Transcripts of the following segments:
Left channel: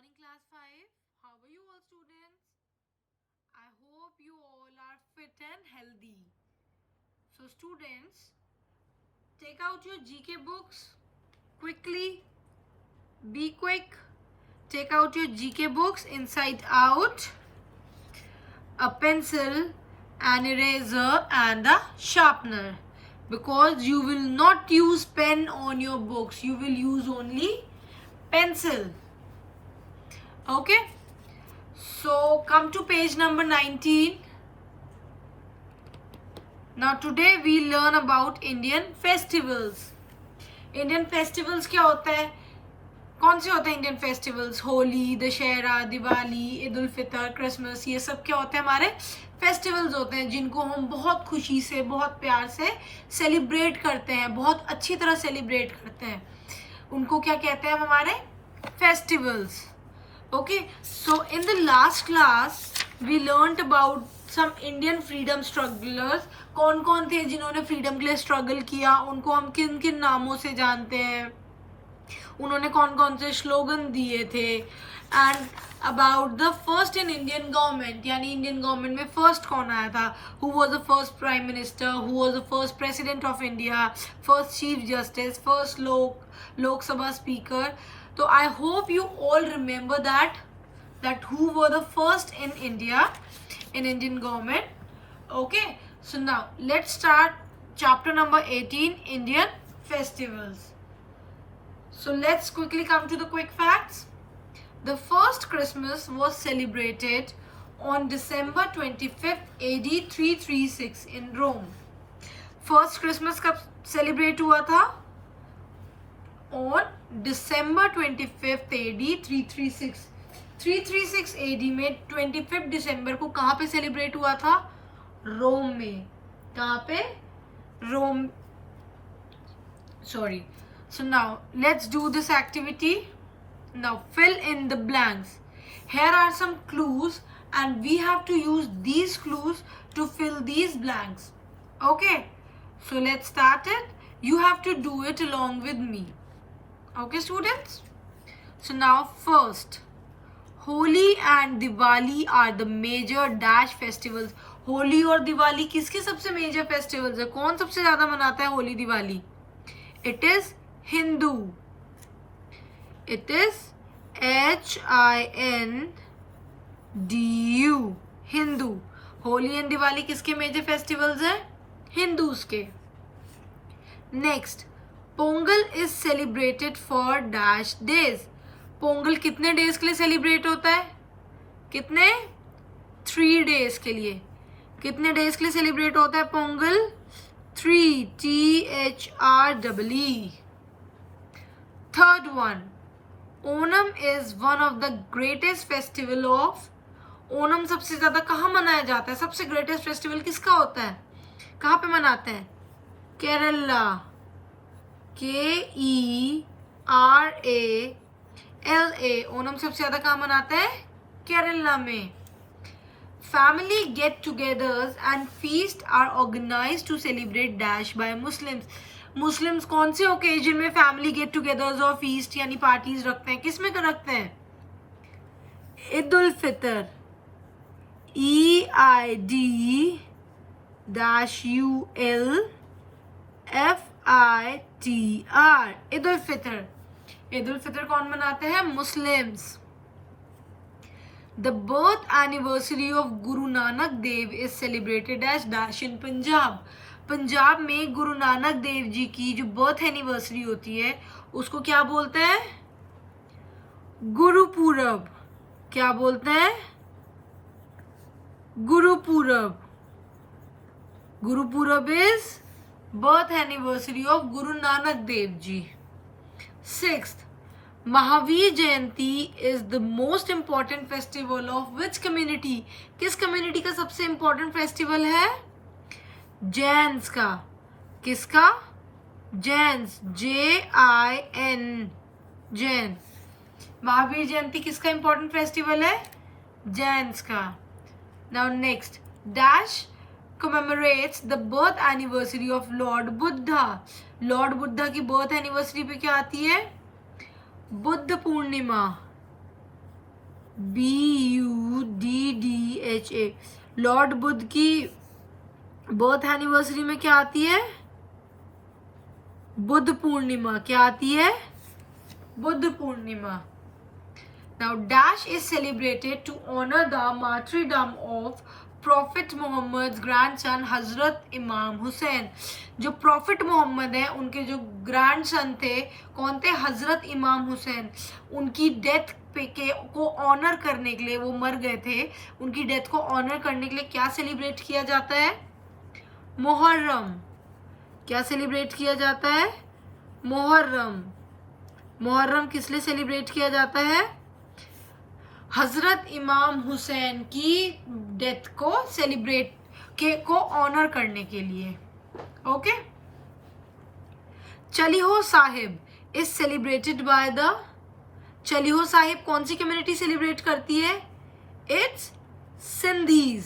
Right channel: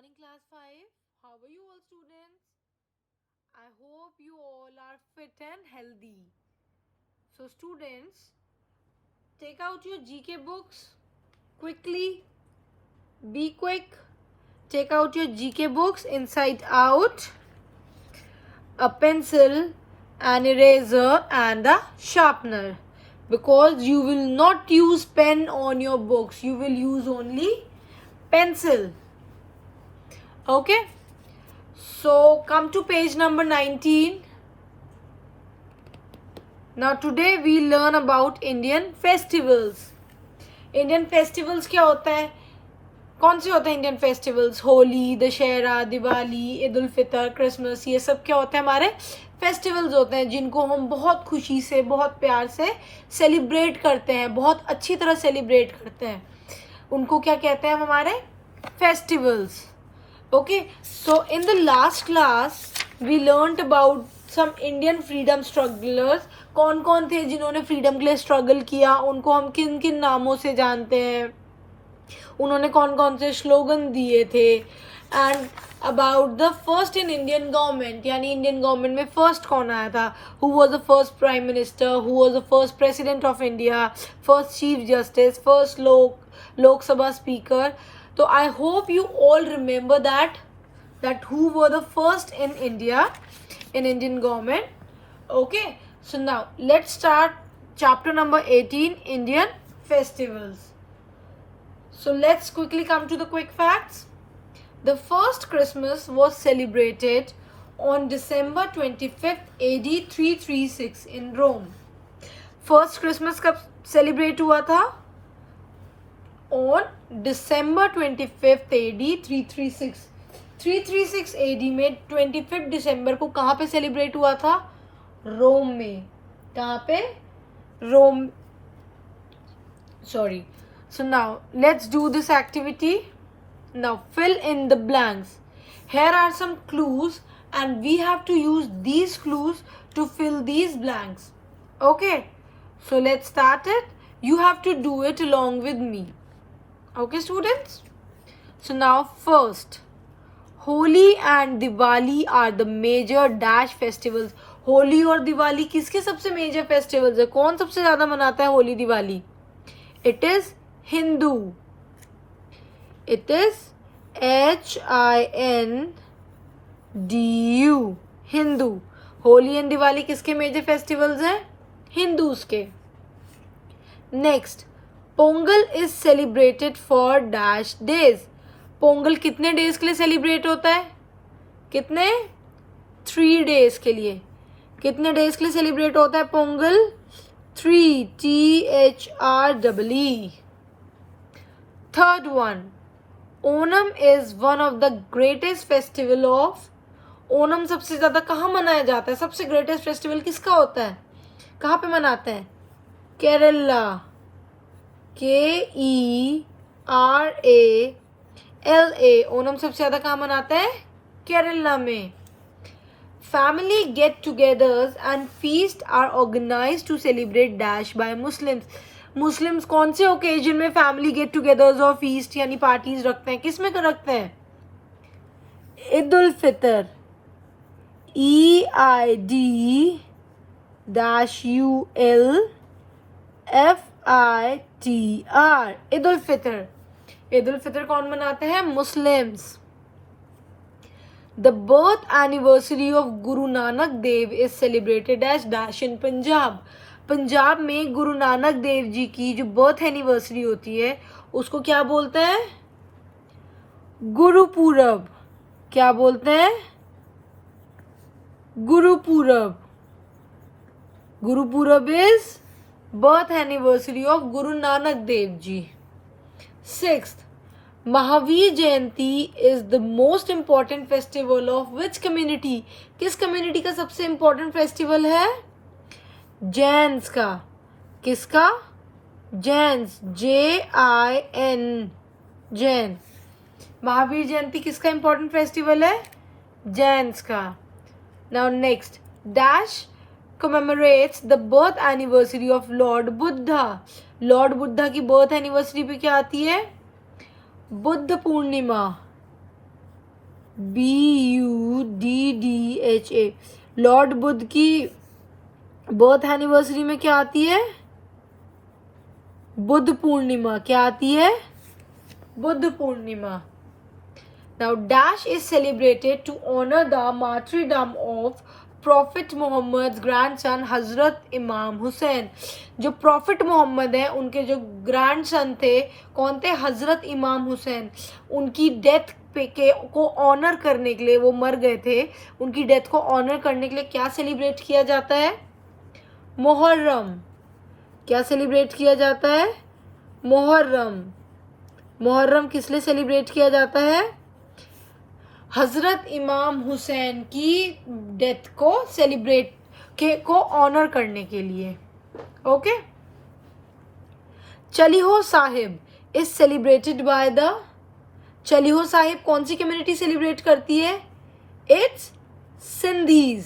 morning, class 5. How are you all, students? I hope you all are fit and healthy. So, students, take out your GK books quickly. Be quick. Take out your GK books inside out, a pencil, an eraser, and a sharpener. Because you will not use pen on your books, you will use only pencil. Okay, so come to page number 19. Now today we learn about Indian festivals. Indian festivals क्या होता है? कौन से होते हैं Indian festivals? Holi, Dussehra, Diwali, Eid ul Fitr, Christmas, ये सब क्या होते हैं? हमारे फेस्टिवल्स होते हैं जिनको हम बहुत खुशी से, बहुत प्यार से सेलिब्रेट करते हैं, बहुत अच्छी तरह सेलिब्रेट करते हैं. उनको क्या कहते हैं? हमारे festivals. Okay, so in the last class we learnt about some Indian freedom strugglers. कौन कौन थे जिन्होंने फ्रीडम के लिए स्ट्रगल किया, उनको हम किन किन नामों से जानते हैं, उन्होंने कौन कौन से स्लोगन दिए थे, and about the first in Indian government, यानी इंडियन गवर्नमेंट में फर्स्ट कौन आया था, who was the first prime minister, who was the first president of India, first chief justice, first Lok Sabha speaker. So I hope you all remember that who were the first in India, in Indian government. Okay, so now let's start chapter number 18, Indian festivals. So let's quickly come to the quick facts. The first Christmas was celebrated on December 25th AD 336 in Rome. First Christmas कब celebrate हुआ था? On December 25th AD 336. 336 AD में 25 दिसंबर को कहाँ पे celebrate हुआ था? रोम में. कहाँ पे? रोम. Sorry. So now let's do this activity. Now fill in the blanks. Here are some clues and we have to use these clues to fill these blanks. Okay. So let's start it. You have to do it along with me. Okay, students? So now first, Holi and Diwali are the major dash festivals. Holi और दिवाली किसके सबसे major festivals है? कौन सबसे ज्यादा मनाता है Holi Diwali? It is Hindu. It is HINDU. Hindu. Holi and Diwali किसके मेजर फेस्टिवल्स है? हिंदूज के. Next, Pongal is celebrated for dash days. Pongal कितने डेज के लिए सेलिब्रेट होता है? कितने? 3 डेज के लिए. कितने डेज के लिए सेलिब्रेट होता है Pongal? 3 THREE. Third one, Onam is one of the greatest festival of. Onam सबसे ज्यादा कहाँ मनाया जाता है? सबसे ग्रेटेस्ट फेस्टिवल किसका होता है? कहाँ पे मनाते हैं? केरला. KERALA. ओनम सबसे ज्यादा कहाँ मनाते हैं? केरला में. Family get togethers and feast are organised to celebrate dash by Muslims. Muslims कौन से ओकेजन में फैमिली गेट टुगेदर्स और फीस्ट यानी पार्टीज रखते हैं? किस में रखते हैं? ईद उल फितर. EID-ULFITR. ईद उल फितर. ईद उल फितर कौन मनाते हैं? Muslims. The birth anniversary of Guru Nanak Dev is celebrated as dash in Punjab. Punjab में गुरु नानक देव जी की जो बर्थ एनिवर्सरी होती है उसको क्या बोलते हैं? गुरुपूरब. क्या बोलते हैं? Gurpurab. Gurpurab is birth anniversary of Guru Nanak Dev ji. Sixth, Mahavir Jayanti is the most important festival of which community. किस कम्युनिटी का सबसे इम्पॉर्टेंट फेस्टिवल है? जैन्स का. किसका? जैन्स. JIN. जैन. महावीर जयंती किसका इम्पॉर्टेंट फेस्टिवल है? जैन्स का. Now next, dash commemorates the birth anniversary of Lord Buddha. Lord Buddha की बर्थ एनिवर्सरी पे क्या आती है? बुद्ध पूर्णिमा. BUDDHA। लॉर्ड बुद्ध की बर्थ एनिवर्सरी में क्या आती है? बुद्ध पूर्णिमा। क्या आती है? Buddha Purnima. Now Dash is celebrated to honor the martyrdom of Prophet Muhammad's grandson हजरत इमाम हुसैन। जो प्रॉफिट मोहम्मद है उनके जो ग्रैंडसन थे, कौन थे? हजरत इमाम हुसैन। उनकी डेथ को ऑनर करने के लिए, वो मर गए थे, उनकी डेथ को ऑनर करने के लिए क्या सेलिब्रेट किया जाता है? मुहर्रम। क्या सेलिब्रेट किया जाता है? मुहर्रम। मुहर्रम किस लिए सेलिब्रेट किया जाता है? हजरत इमाम हुसैन की डेथ को सेलिब्रेट को ऑनर करने के लिए। Okay. Chaliho Sahib is celebrated by the, Chaliho Sahib कौन सी कम्युनिटी सेलिब्रेट करती है? इट्स सिंधीज।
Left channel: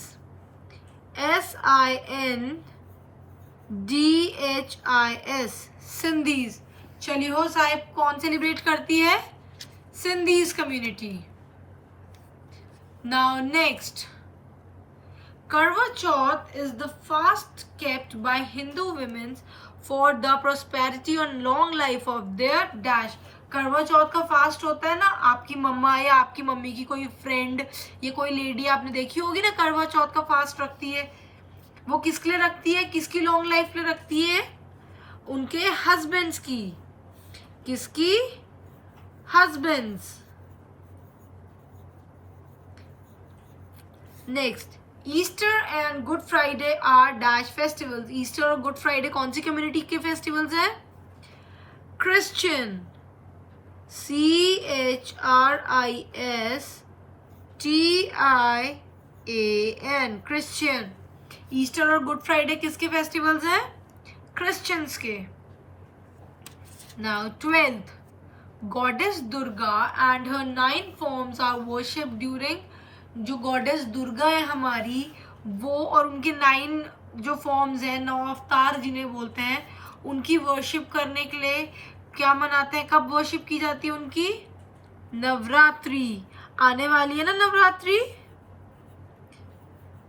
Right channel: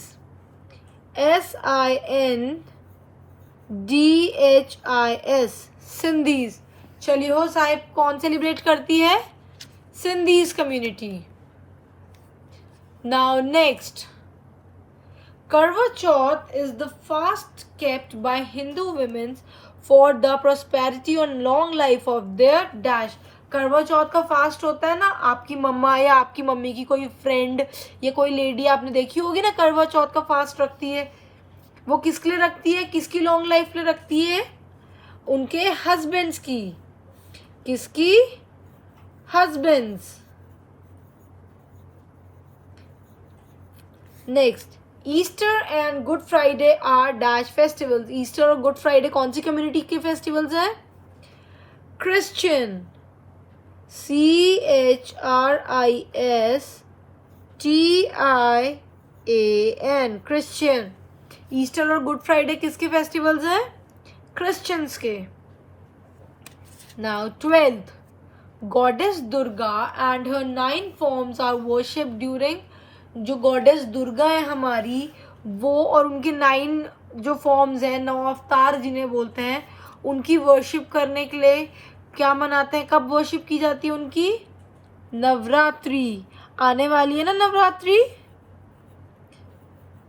SINDHIS सिंधीज। चलिहो साहिब कौन सेलिब्रेट करती है? Sindhis community. Now next, Karwa Chauth is the fast kept by Hindu women for the prosperity and long life of their dash। करवा चौथ का fast होता है ना, आपकी मम्मा या आपकी मम्मी की कोई फ्रेंड या कोई लेडी आपने देखी होगी ना, करवा चौथ का फास्ट रखती है। वो किसके लिए रखती है? किसकी लॉन्ग लाइफ के लिए रखती है? उनके हस्बैंड्स की। किसकी? Husbands. Next, Easter and good Friday are dash festivals. Easter और गुड फ्राइडे कौन सी कम्युनिटी के फेस्टिवल्स हैं? क्रिश्चियन। CHRISTIAN Christian. ईस्टर और गुड फ्राइडे किसके फेस्टिवल्स हैं? क्रिश्चियंस के। Now 12th, goddess Durga and her 9 forms are worshipped during. जो गॉडेस दुर्गा है हमारी, वो और उनके 9 जो फॉर्म्स हैं, 9 अवतार जिन्हें बोलते हैं, उनकी वर्शिप करने के लिए क्या मनाते हैं? कब वर्शिप की जाती है उनकी? नवरात्रि। आने वाली है ना नवरात्रि,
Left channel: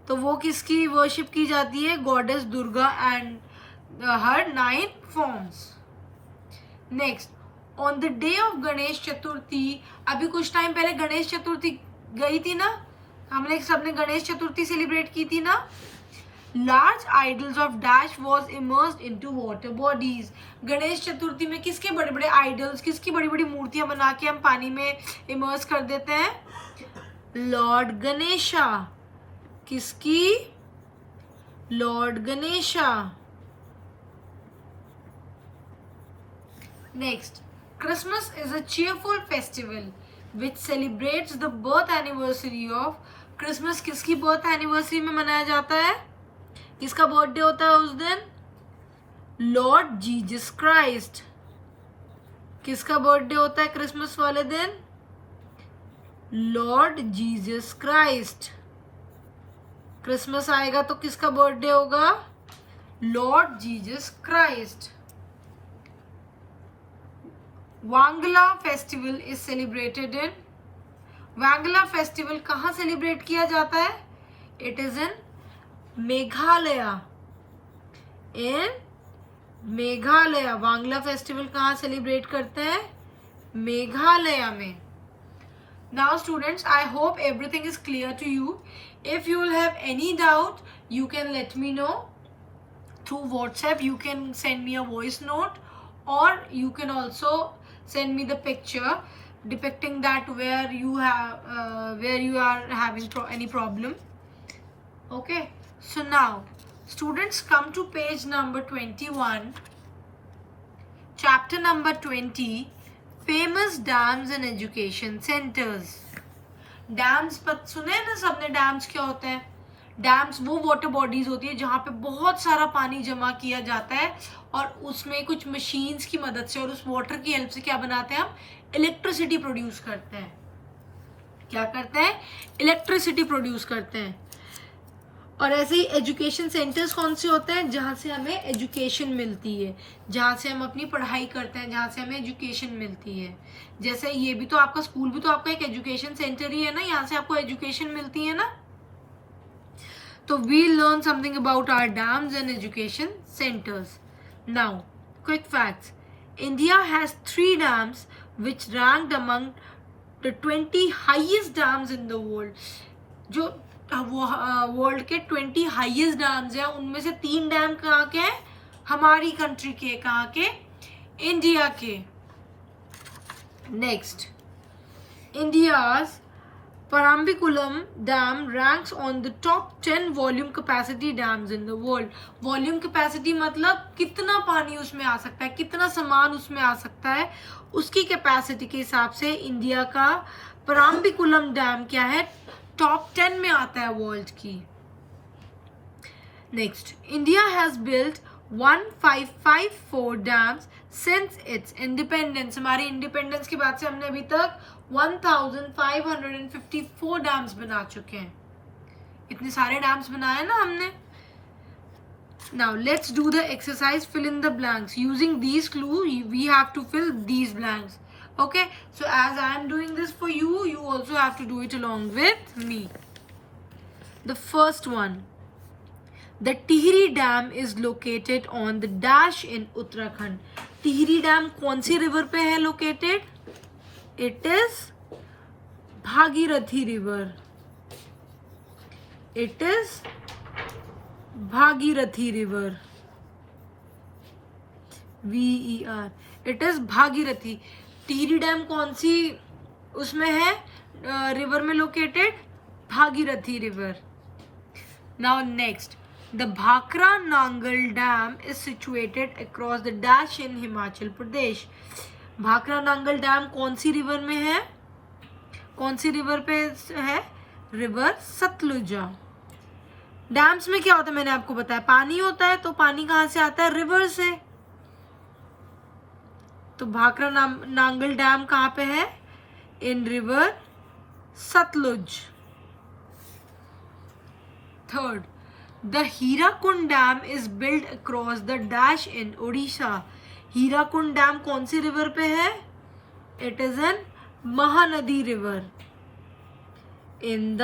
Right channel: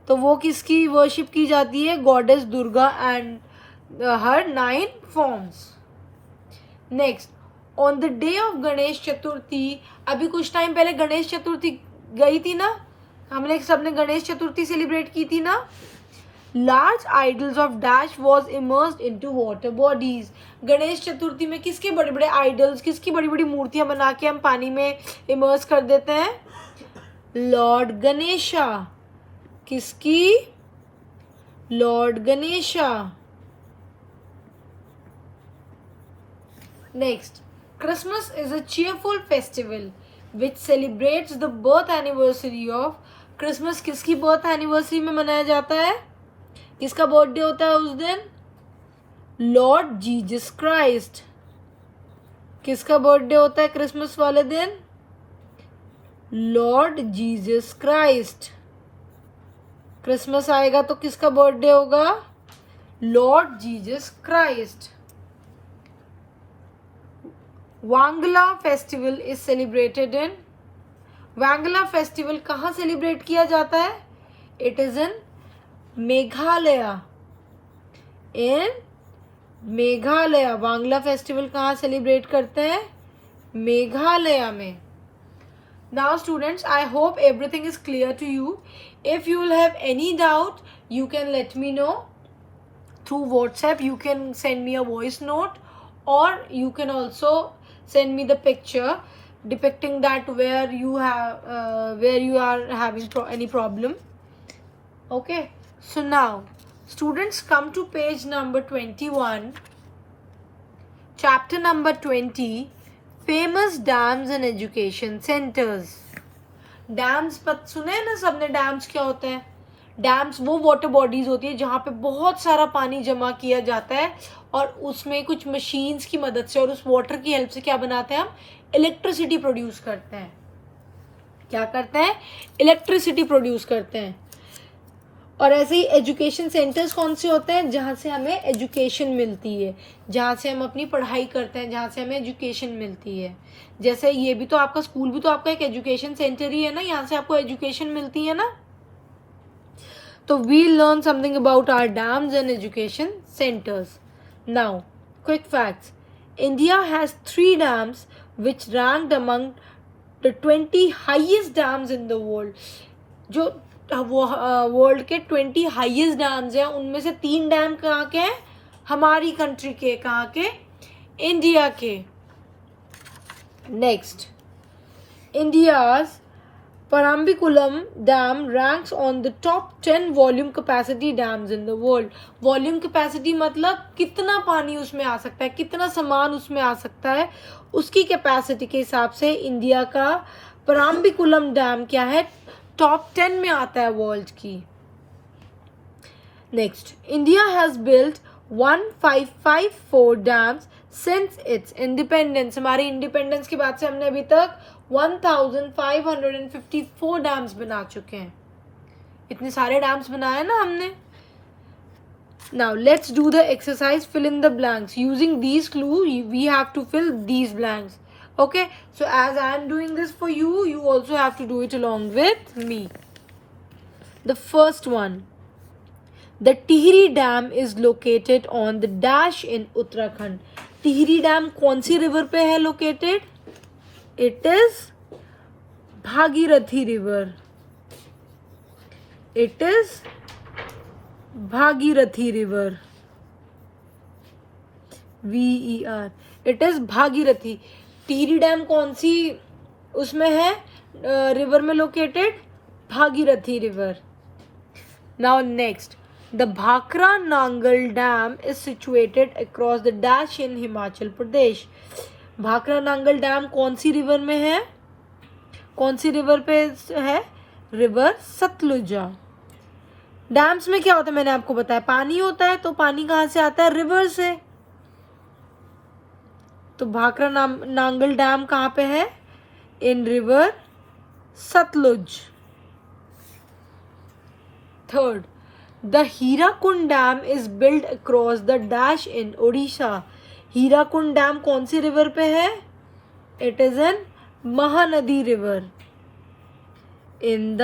तो वो किसकी वर्शिप की जाती है? Goddess Durga and her 9 forms. Next, on the day of Ganesh Chaturthi, अभी कुछ टाइम पहले गणेश चतुर्थी गई थी ना, हम लोग सबने गणेश चतुर्थी सेलिब्रेट की थी ना। Large idols of dash was immersed into water bodies. Ganesh Chaturthi में किसके बड़े बड़े आइडल्स, किसकी बड़ी बड़ी मूर्तियां बना के हम पानी में इमर्स कर देते हैं? लॉर्ड गणेशा। किसकी? Lord Ganesha. Next, Christmas is a cheerful festival which celebrates the birth anniversary of। Christmas किसकी बर्थ एनिवर्सरी में मनाया जाता है? किसका बर्थडे होता है उस दिन? Lord Jesus Christ. किसका बर्थडे होता है क्रिसमस वाले दिन? Lord Jesus Christ. क्रिसमस आएगा तो किसका बर्थडे होगा? Lord Jesus Christ. Wangala festival is celebrated in. Wangala festival कहाँ सेलिब्रेट किया जाता है? It is in Meghalaya. In Meghalaya. Wangala festival कहाँ सेलिब्रेट करते हैं? मेघालय में। Now students, I hope everything is clear to you. If you will have any doubt, you can let me know through WhatsApp. You can send me a voice note, or you can also send me the picture depicting that where you are having any problem. Okay, so now students, come to page number 21, chapter number 20, famous dams and education centers. Dams पता सुने हैं ना सबने? Dams क्या होते हैं? Dams वो water bodies होती है जहाँ पे बहुत सारा पानी जमा किया जाता है और उसमें कुछ मशीन्स की मदद से और उस वाटर की हेल्प से क्या बनाते हैं हम? इलेक्ट्रिसिटी प्रोड्यूस करते हैं। क्या करते हैं? इलेक्ट्रिसिटी प्रोड्यूस करते हैं। और ऐसे ही एजुकेशन सेंटर्स कौन से होते हैं, जहाँ से हमें एजुकेशन मिलती है, जहाँ से हम अपनी पढ़ाई करते हैं, जहाँ से हमें एजुकेशन मिलती है. जैसे ये भी तो आपका स्कूल भी तो आपका एक एजुकेशन सेंटर ही है ना, यहाँ से आपको एजुकेशन मिलती है ना. तो we learn something about our dams and education centres. Now quick facts. India has 3 dams which ranked among the 20 highest dams in the world. जो वर्ल्ड के 20 हाईएस्ट डैम्स हैं उनमें से 3 डैम कहाँ के हैं, हमारी कंट्री के. कहाँ के, इंडिया के. Next, India's Parambiculam Dam ranks on the top 10 volume capacity dams in the world. Volume capacity मतलब कितना पानी उसमें आ सकता है, कितना सामान उसमें आ सकता है, उसकी कैपेसिटी के हिसाब से इंडिया का Parambiculam डैम क्या है, टॉप 10 में आता है वर्ल्ड की. Next, India has built 1554 dams since it's independence. हमारे इंडिपेंडेंस की बात से हमने अभी तक 1554 डैम्स बना चुके हैं. इतने सारे डैम्स बनाए ना हमने. Now let's do the exercise fill in the blanks. Using these clue we have to fill these blanks. Okay, so as I am doing this for you, you also have to do it along with me. The first one, the Tihri Dam is located on the dash in Uttarakhand. Tihri Dam कौन सी river पे है located? It is Bhagirathi river. It is Bhagirathi river. VER. It is Bhagirathi. Tehri dam कौन सी उसमें है, river में located, Bhagirathi river. Now next, the Bhakra Nangal dam is situated across the dash in Himachal Pradesh. Bhakra Nangal dam कौन सी river में है, कौन सी रिवर पे है, रिवर सतलुजा. डैम्स में क्या होता है मैंने आपको बताया, पानी होता है. तो पानी कहाँ से आता है, रिवर से. तो भाखरा नांगल डैम कहाँ पे है, in river Sutlej. Third, the Hirakud dam is build across the dash in Odisha. Hirakud dam कौन सी रिवर पे है, it is an Mahanadi river, in the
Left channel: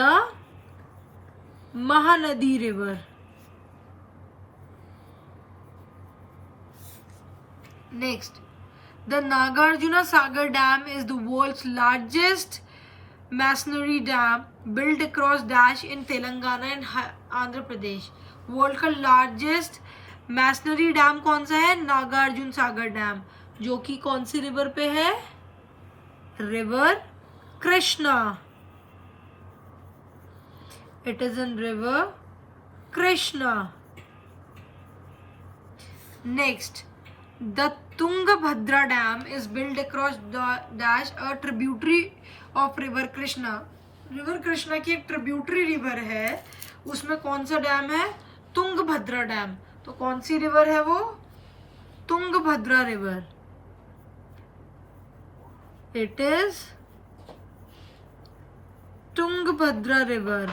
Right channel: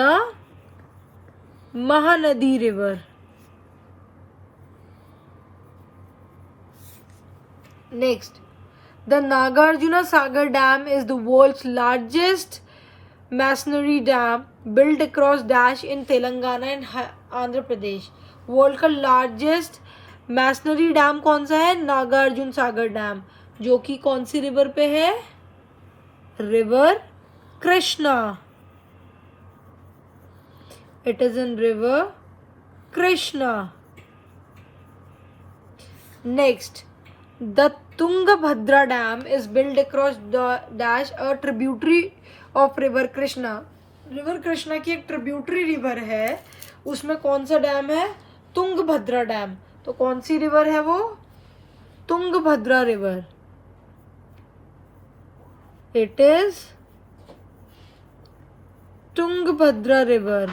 Mahanadi river. Next, the Nagarjuna Sagar Dam is the world's largest masonry dam built across dash in Telangana and Andhra Pradesh. World का largest masonry dam कौन सा है, Nagarjuna Sagar dam, जो कि कौन सी river पे है, river Krishna. It is in river Krishna. Next, the Tungabhadra Dam is built across dash a tributary of river Krishna. River Krishna की एक ट्रिब्यूटरी रिवर है, उसमें कौन सा डैम है, तुंगभद्रा डैम. तो कौन सी रिवर है वो, Tungabhadra river. It is Tungabhadra river.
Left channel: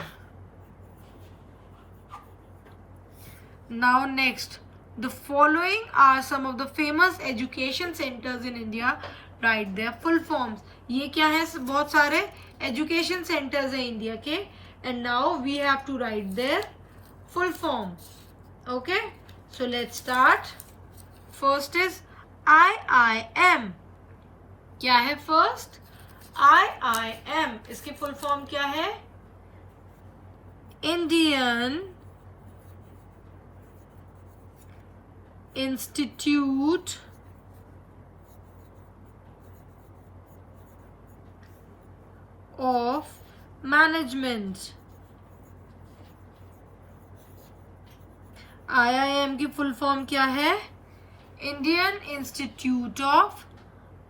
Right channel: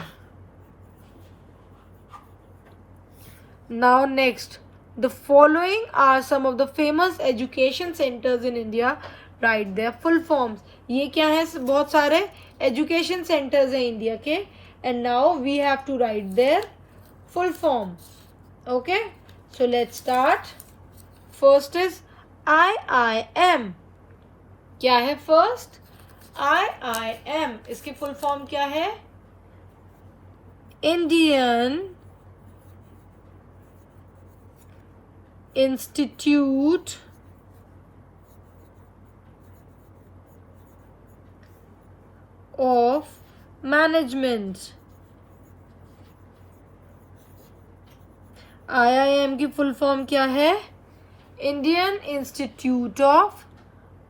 Now next, the following are some of the famous education centers in India. Write their full forms. ये क्या है, बहुत सारे education centers हैं इंडिया के. And now we have to write their full forms. Okay, so let's start. First is IIM. क्या है first, IIM. इसकी full form क्या है, Indian Institute of Management. IIM की फुल फॉर्म क्या है, Indian institute of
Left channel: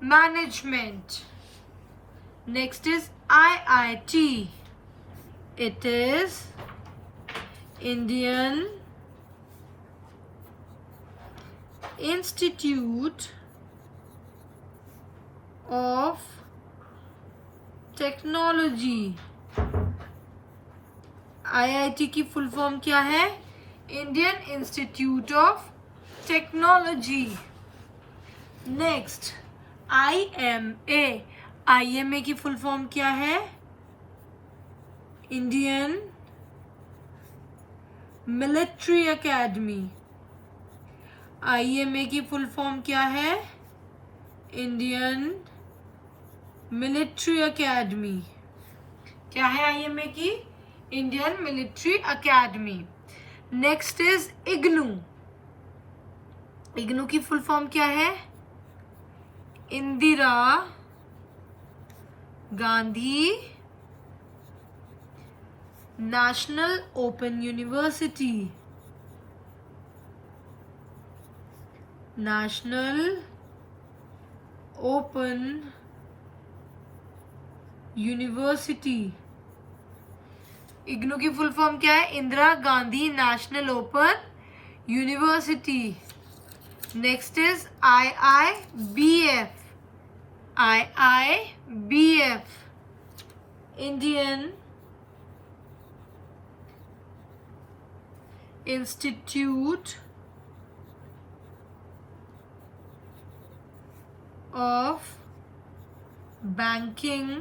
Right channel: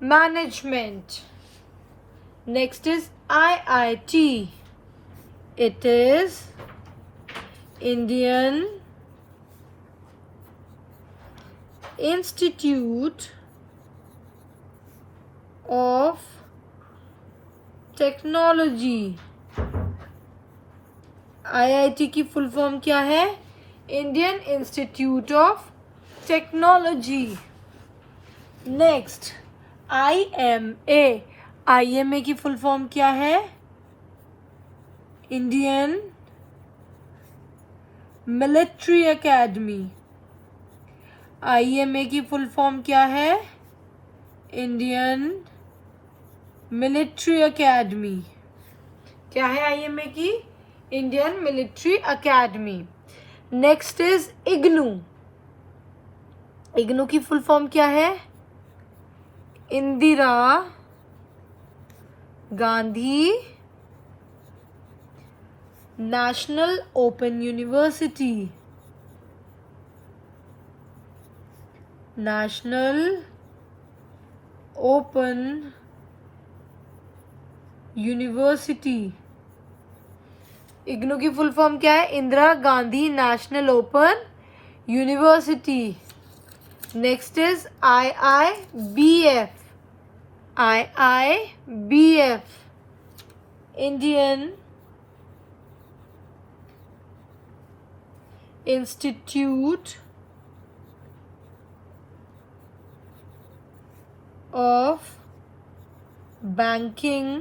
management. Next is IIT. It is Indian Institute of Technology. IIT की full form क्या है? Indian institute of technology. Next IMA। IMA की full form क्या है? Indian military academy. IMA की full form क्या है? Indian military academy. क्या है IMA की? Indian military academy. Next is IGNOU. IGNOU की फुल फॉर्म क्या है? Indira Gandhi national open university. National open university. IGNOU की फुल फॉर्म क्या है? Indira Gandhi national open university. Next is IIBF। IIBF Indian institute of banking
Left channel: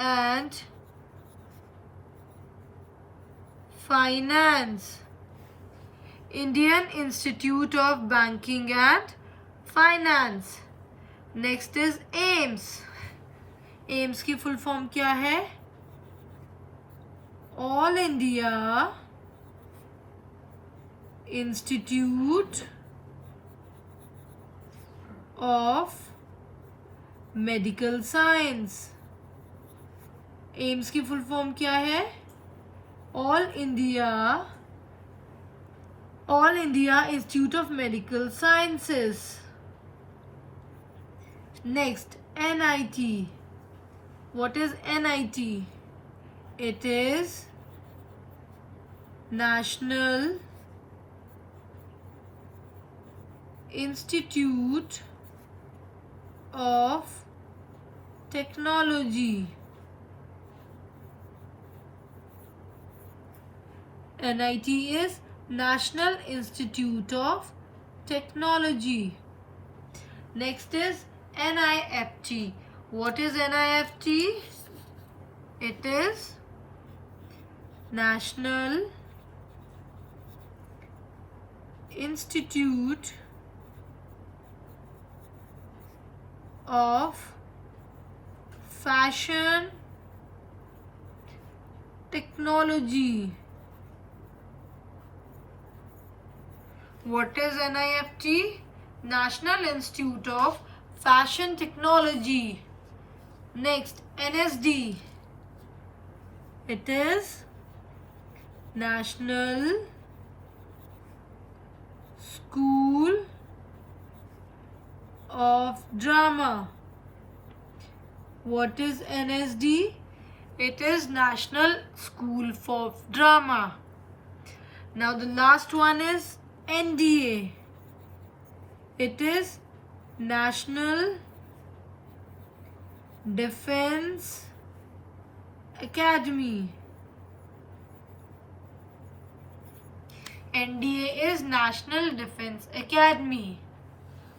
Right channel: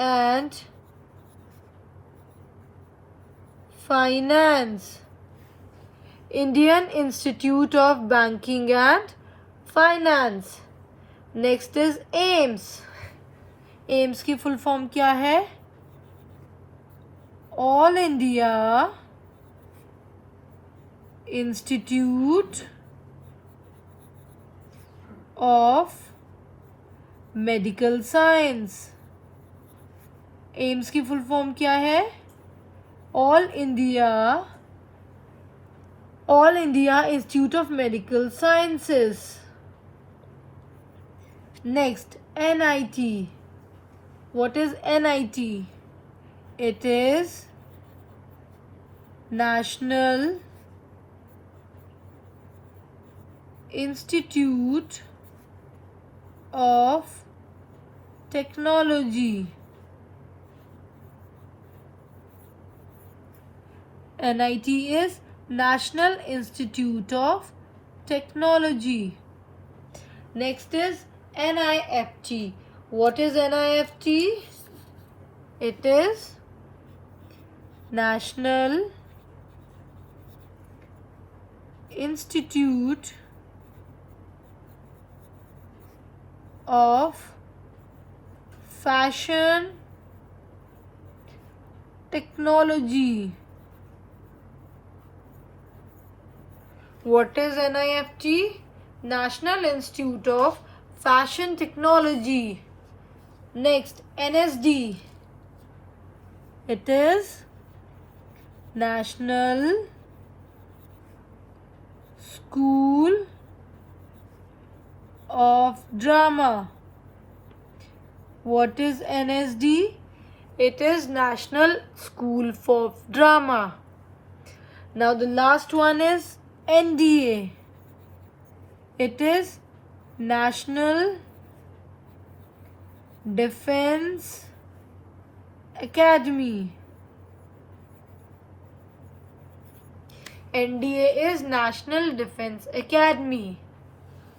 and Finance। Indian Institute of Banking and Finance। Next is AIMS। AIMS की full form क्या है? All India Institute of Medical Science। AIIMS की full form क्या है? All India institute of medical sciences. Next NIT। What is NIT? It is national institute of technology. NIT is National Institute of Technology। Next is NIFT। What is NIFT? It is National Institute of Fashion Technology। What is NIFT? National Institute of Fashion Technology। Next NSD। It is National School of Drama। What is NSD? It is National School of Drama। Now the last one is NDA। It is National Defense Academy। NDA is National Defense Academy।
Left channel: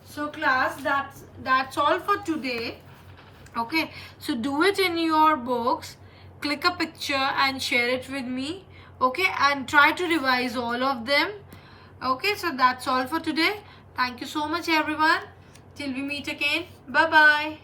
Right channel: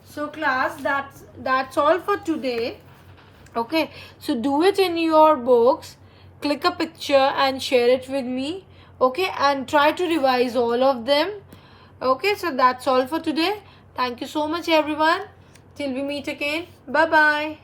So class, that's all for today. Okay, so do it in your books, click a picture and share it with me. Okay, and try to revise all of them. Okay, so that's all for today. Thank you so much everyone. Till we meet again. Bye bye.